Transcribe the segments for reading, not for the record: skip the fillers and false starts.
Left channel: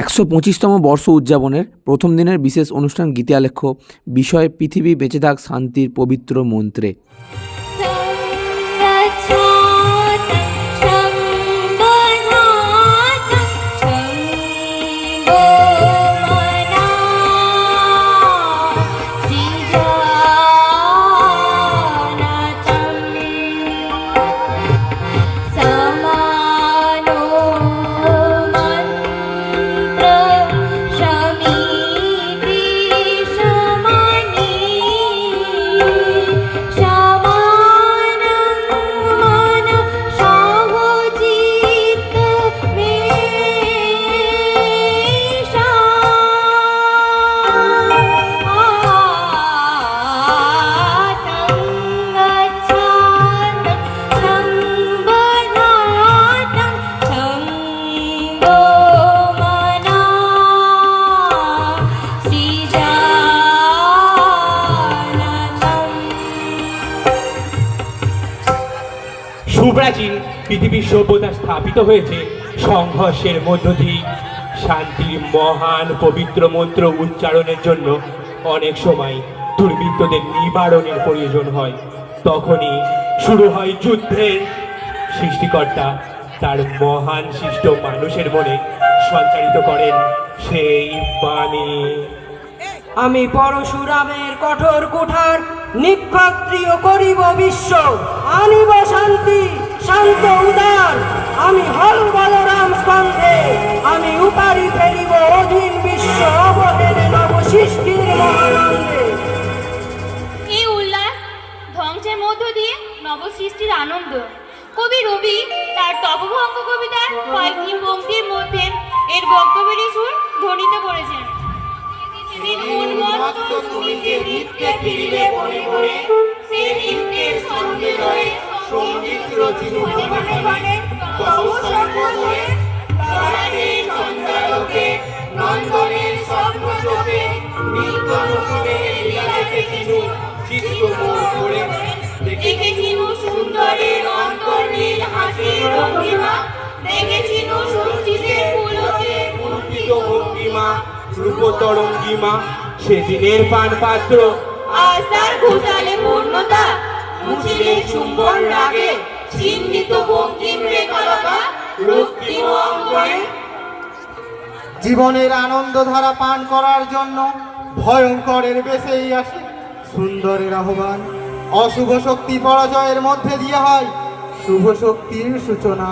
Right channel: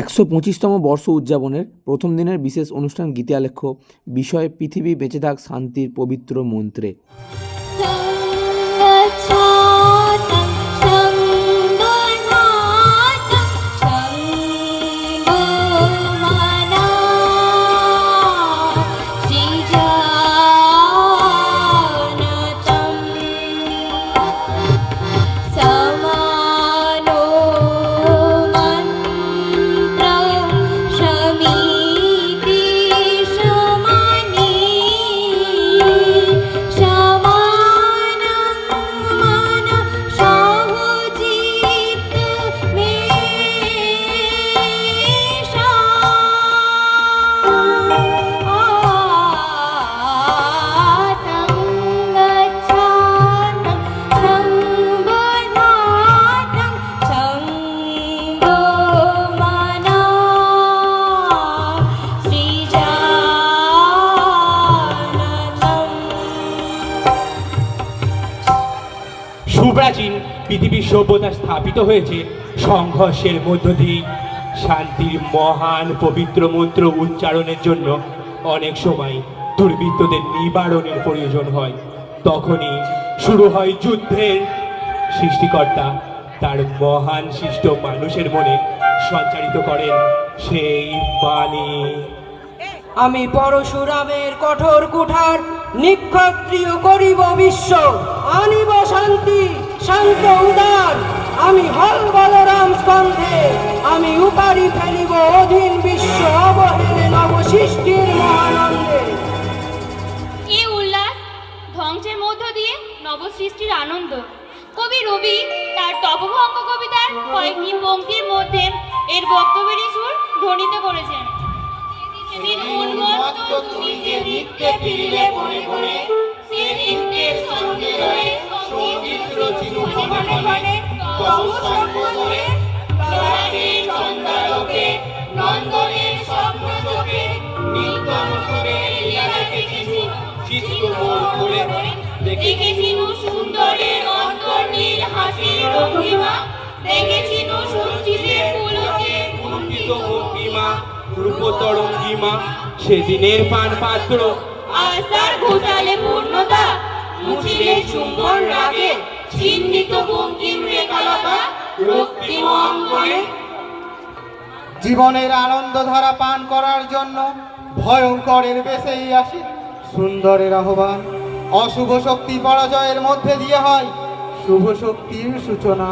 125তম বর্ষ উদযাপনের প্রথম দিনের বিশেষ অনুষ্ঠান গীতি আলেখ্য, বিষয় পৃথিবী বেঁচে থাক শান্তির পবিত্র মন্ত্রে। সুপ্রাচীন পৃথিবীর সভ্যতা স্থাপিত হয়েছে সংঘর্ষের মধ্য দিয়ে। শান্তির মহান পবিত্র মন্ত্র উচ্চারণের জন্য অনেক সময় দুর্বৃত্তদের নিবারণের প্রয়োজন হয়। তখনই শুরু হয় যুদ্ধের। সৃষ্টিকর্তা তার মহান সৃষ্ট মানুষের মনে সঞ্চারিত করেন সেই বাণী। আমি পরশুরামের কঠোর কুঠার নিক্ষত্রিয় করিব বিশ্ব, আনিব শান্তি শান্ত উদার। আমি হল বলরাম স্কন্ধে, আমি উপারি ফেলিব অধীন বিশ্ব, অবহেলে নব সৃষ্টির মহানন্দে। এই উল্লাস ধ্বংসের মধ্য দিয়ে নবসৃষ্টির আনন্দ। কবি রবি তার তপভঙ্গ কবিতার কয়েকটি পংক্তির মধ্যে এর বক্তব্যের সুর ধ্বনিত করেছেন। তুমি যে নিত্যে ফিরিলে মনে মনে, সে নিত্যের সঙ্গে রয়ে সঙ্গীত রচিত মনে মনে, তব সঙ্গ করে ললাটের চন্দ্রালোকে, নন্দনের স্বপ্ন চোখে, নিত্য রূপের লীলা দেখেছিনু চিত্ত মোর করে। দেখেছিনু সুন্দরের অন্তর্নীল হাসির ভঙ্গিমা, দেখেছিনু সঞ্চিতের পুলকে কুণ্ঠিত ভঙ্গিমা, রূপতরঙ্গিমা। সেদিনের পান পাত্র আজ তার ঘোষালে পূর্ণতা, মুছিলে চুম্বন রাগে, চিহ্নিত বঙ্কিম রেখালতা রক্তিম অঙ্গনে। জীবনের আনন্দ ধারা পান করার জন্য ভয়ঙ্করের বেশেই আসে সুন্দরের আহ্বান। অশুভ শক্তি পরাজয়ের মধ্যে দিয়ে হয় শুভ শক্তির সূচনা।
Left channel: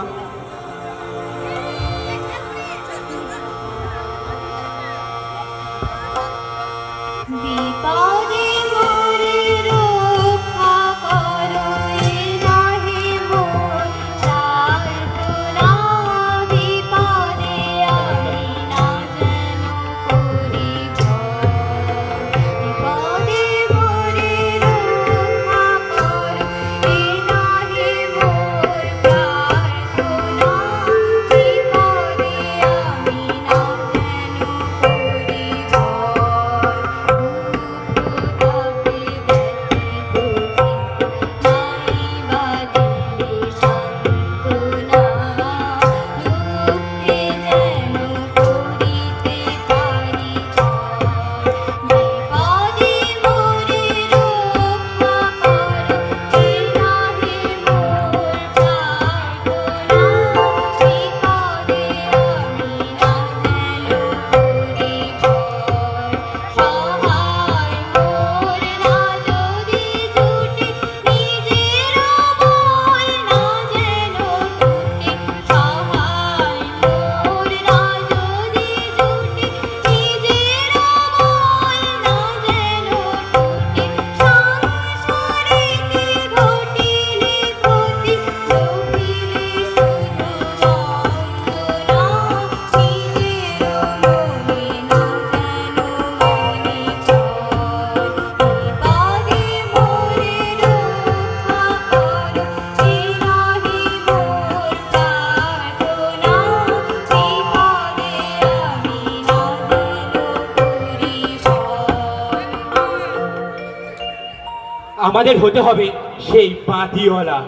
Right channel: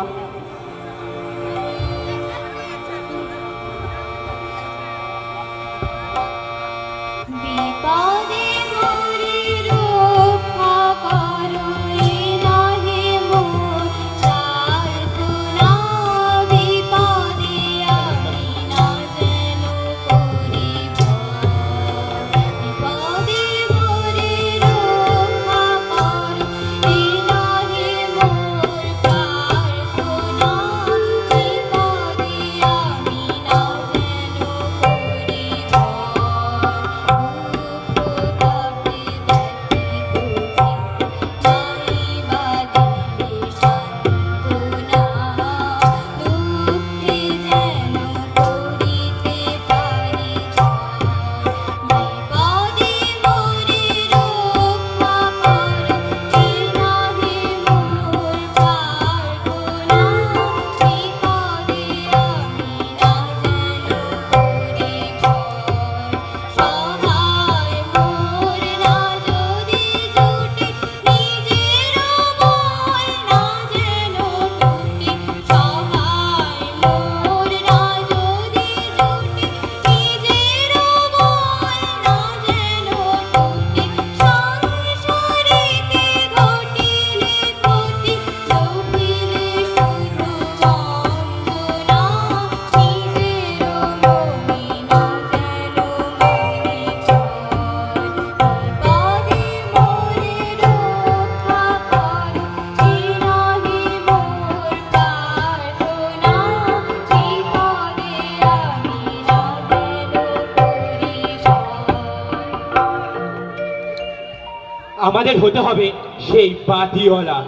আমাদের হতে হবে সেই বাতিওয়ালা,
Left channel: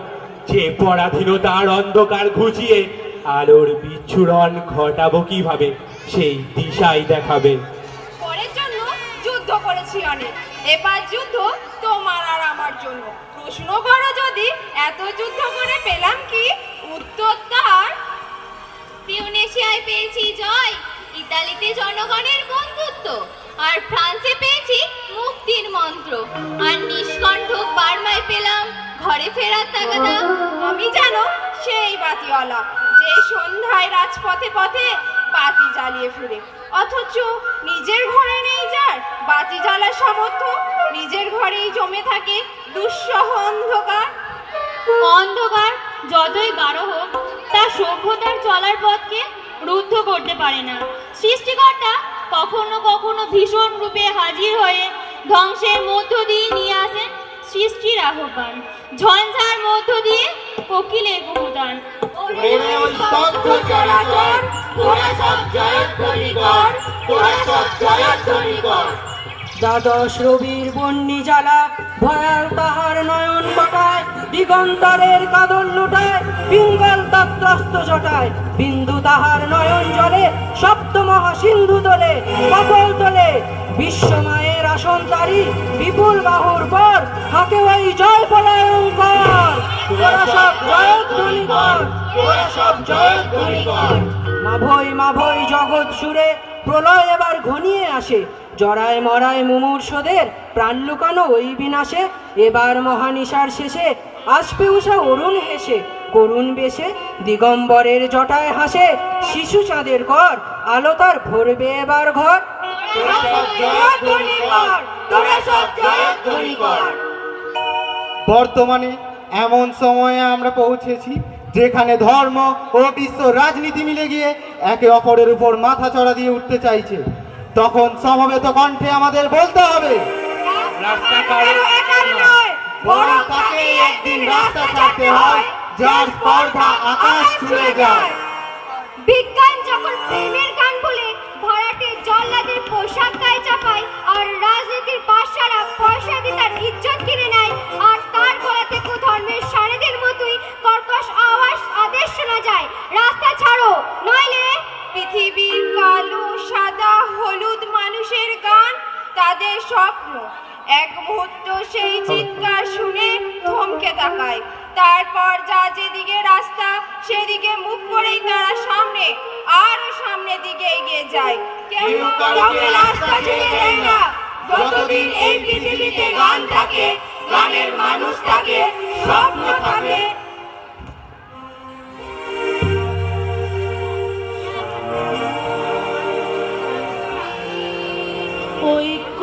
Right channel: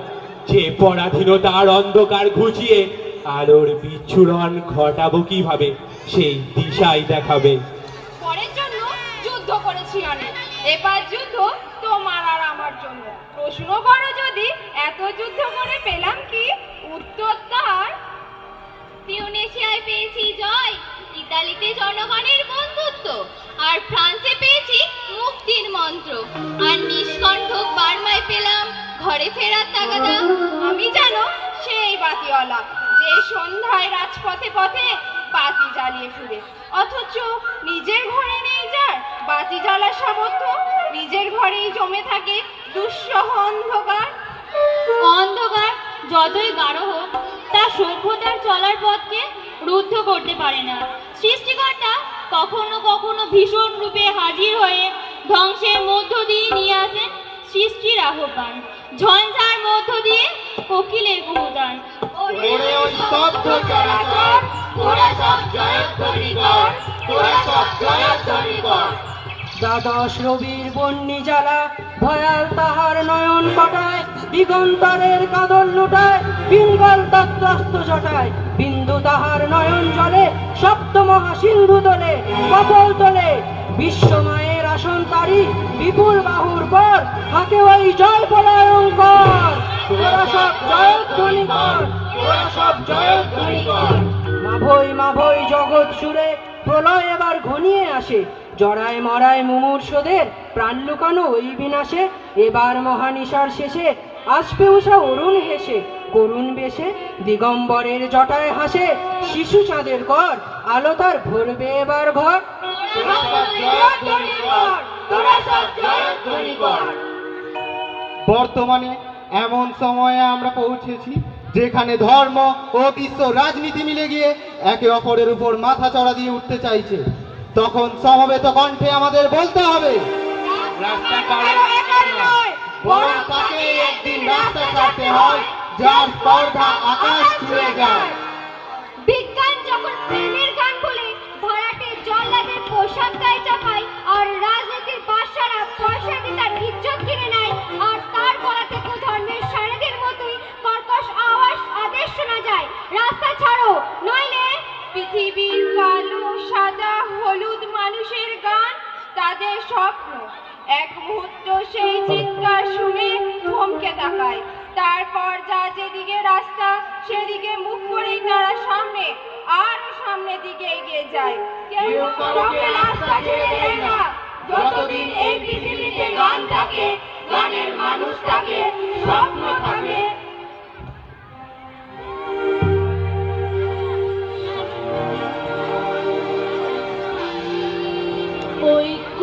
যে পরাধীনতার অন্ধকার ঘুচিয়ে আলোর বিচ্ছুরণ ঘটাবো কিভাবে সেই দিশাই দেখাবে। পরের জন্য যুদ্ধ করেছি অনেক, এবার যুদ্ধ তোমার আর আমার জন্য। প্রশ্ন করো যদি এত যুদ্ধ করে পেলাম কি উত্তর তার? তিউনেশিয়ায় পেয়েছি জয়, ইতালিতে জনগণের বন্ধুত্ব, আর ফ্রান্সে পেয়েছি মুক্তির মন্ত্র, আর নিষ্কণ্ঠক বার্মায় পেলাম ঘরে ফেরার তাগাদা। আমি জানো সেই বাতিওয়ালা যে সন্ধ্যায় রাজপথে পথে বাতি জ্বালিয়ে ফিরে, অথচ নিজের ঘরে নেই যার বাতি জ্বালার সামর্থ্য, নিজের ঘরেই জমে থাকে দুঃসহ অন্ধকার। অন্ধকার যতই গাঢ় হোক তা সভ্যতার চলার পথকে রুদ্ধ করতে পারে না। সৃষ্টিকর্তা কখনো কখনো ভীষণ রূপে হাজির হয়ে ধ্বংসের মধ্য দিয়ে নিয়ে আসেন সৃষ্টির আহ্বান, ঝঞ্ঝার মধ্য দিয়ে কোকিলের কুহুতান। ওরে ওই স্তব্ধ চরাচর, তোরা সব জয়ধ্বনি কর, তোরা সব জয়ধ্বনি কর। দ্বাদশ রবির বন্যি জ্বালা ভয়াল তাহার নয়ন কটায়, দিগন্তরের কাদল লুটায়, পিঙ্গল তত্রস্ত জটায়। বিন্দু তাহার নয়ন জলে, সপ্ত মহাসিন্ধু তোলে, কপল তোলে। বিশ্ব মায়ের আসন তারি, বিপুল বাহুর পর হাকে ওই জয় পলায়ঙ্কর। তোরা সব জয়ধ্বনি কর, তোরা সব জয়ধ্বনি কর। মাভৈ মাভৈ জগৎ সুরে প্রলয় এবার ঘনিয়ে আসে, জরায় মরায় মুমূর্ষদের প্রাণ লুকানো ওই বিনাশে। এবার মহানিশার শেষে আসবে উষা অরুণ হেসে, করুণ বেশে দিগম্বরের জটায় হাসে। শিশু চাঁদের কর আলো তার ভরবে এবার ঘর। তোরা সব জয়ধ্বনি কর, তোরা সব জয়ধ্বনি কর। বর্তমানে এমন সময়ে আমরা পৌঁছেছি যেখানে ধর্ম ও বিশ্ব রাজনীতি মিলে গিয়ে একে অপরের উপর মাথা চড়া দিয়ে উঠতে চাইছে। তখন সমবেত কণ্ঠে আমাদের বলতে হবে, রাস্তা কারো একার নয়, বরং তাকেই একদিন রাস্তা ছাড়তে হয় যার স্পর্ধা আকাশ ছুঁয়ে যায়। বিজ্ঞান যখন প্রেমের গান বলে ভাড়াটে জল্লাদের পোশাক গায়ে চাপায়, আর রাজনীতির বাদশারা পয়সা দিয়ে তার ইজ্জত কিনে নেয়, আর তার গলা থেকে ধর্মের সারেদের মতোই কর্কশ আওয়াজ আদেশ শোনা যায়, রাস্তা ছাড়ো নইলে। পৃথিবীর কালো সাদা হলুদ মানুষের গান, তাদের স্বপ্ন এক মুহূর্ত সেই চিৎকার শুনে থমকে তাকায়। তারপর যা যেদিকে রাস্তা সেদিকে মুখ করেই তারা সামনে আরো সামনের দিকে এগিয়ে যায়। কেউ কাউকে রাস্তা ছেড়ে দেয় না। যতদিন এই পৃথিবীতে গান থাকে, গানের মানুষ থাকে, স্বপ্ন থাকে। ঐক্য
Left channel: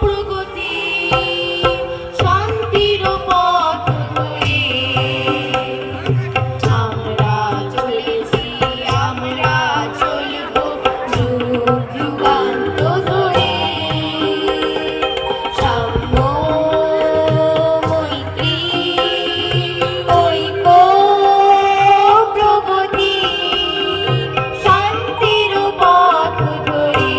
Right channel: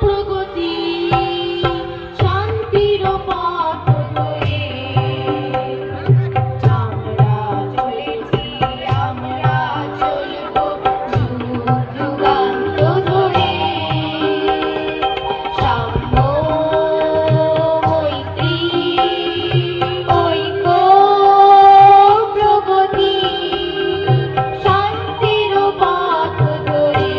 প্রগতি শান্তির পথ ধরে আমরা চলেছি, আমরা চলব যুগ যুগান্ত ধরে। সাম্য মৈত্রী ঐক্য প্রগতি শান্তির পথ ধরে।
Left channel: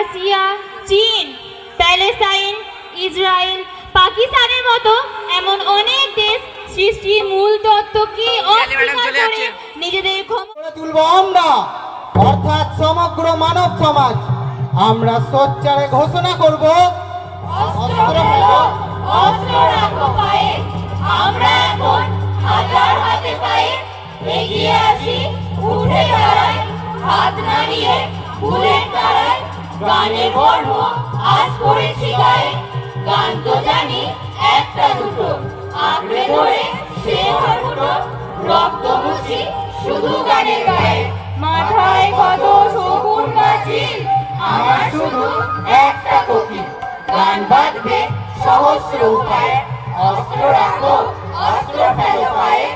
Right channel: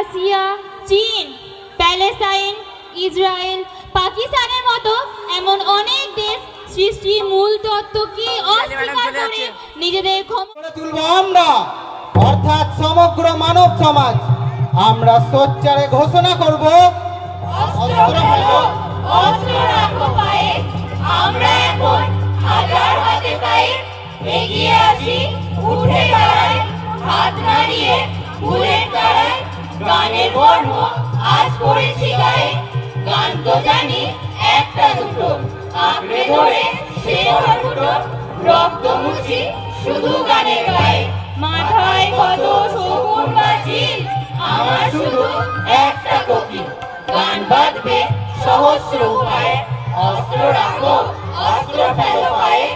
রাশিয়া, চীন, প্যালেস্টাইন, ইসরায়েল, পাকিস্তানের মতো এমন অনেক দেশ সৃষ্টির মূল তত্ত্বকে অস্বীকার করে নিজেদের ক্ষমতা গড়ে তুলব আমরা, অর্থাৎ সমগ্র মানব সমাজ। আমরা সোচ্চারে ঘোষণা করব, অস্ত্র ফেলো, অস্ত্র রাখো পায়ে, আমরা এখন হাজার হাতে পায়ে এগিয়ে আসি, উঠে দাঁড়াই, হাত নাড়িয়ে ফুলের তারায়, গানের বর্ণ আজ করেছি গায়ে, গান তো জানি একটা দুটো, আঁকড়ে ধরে সে ফুটো, রক্ত মুছি শুধু গানের গায়ে, মাথায় কত সবুজ পাঁচিল, আমার শুধু একটা কপি, গান বাঁধবে সহস্র উপায়ে, অস্ত্র রাখো, অস্ত্র ফেলো পায়ে,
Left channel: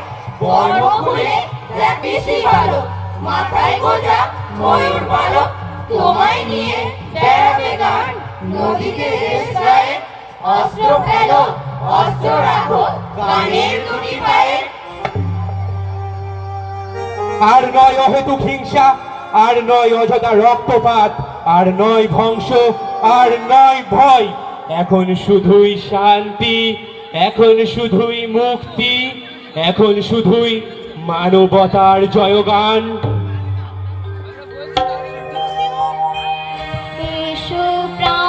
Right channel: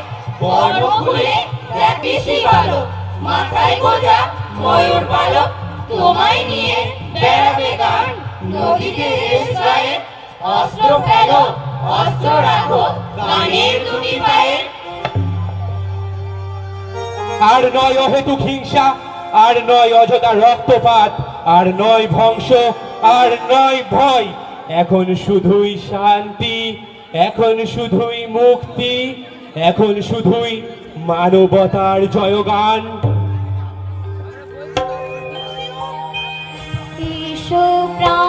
বর্ণ খুলে জাতিসি ভালো, মাথায় গোজা ময়ূর পালক, তোমায় নিয়ে বেড়াবে গান, নদীতে দেশ গায়ে, অস্ত্র ফেলো, অস্ত্র রাখো, গানের দুটি পায়ে। আর নয় অহেতুক হিংসা, আর নয় অযথা রক্তপাত, আর নয় ধ্বংস, আর নয় ভয়, এখন শুধুই শান্তি, এখন শুধুই মুক্তি, এখন শুধুই মানবতার জয়গান। এসো প্রাণ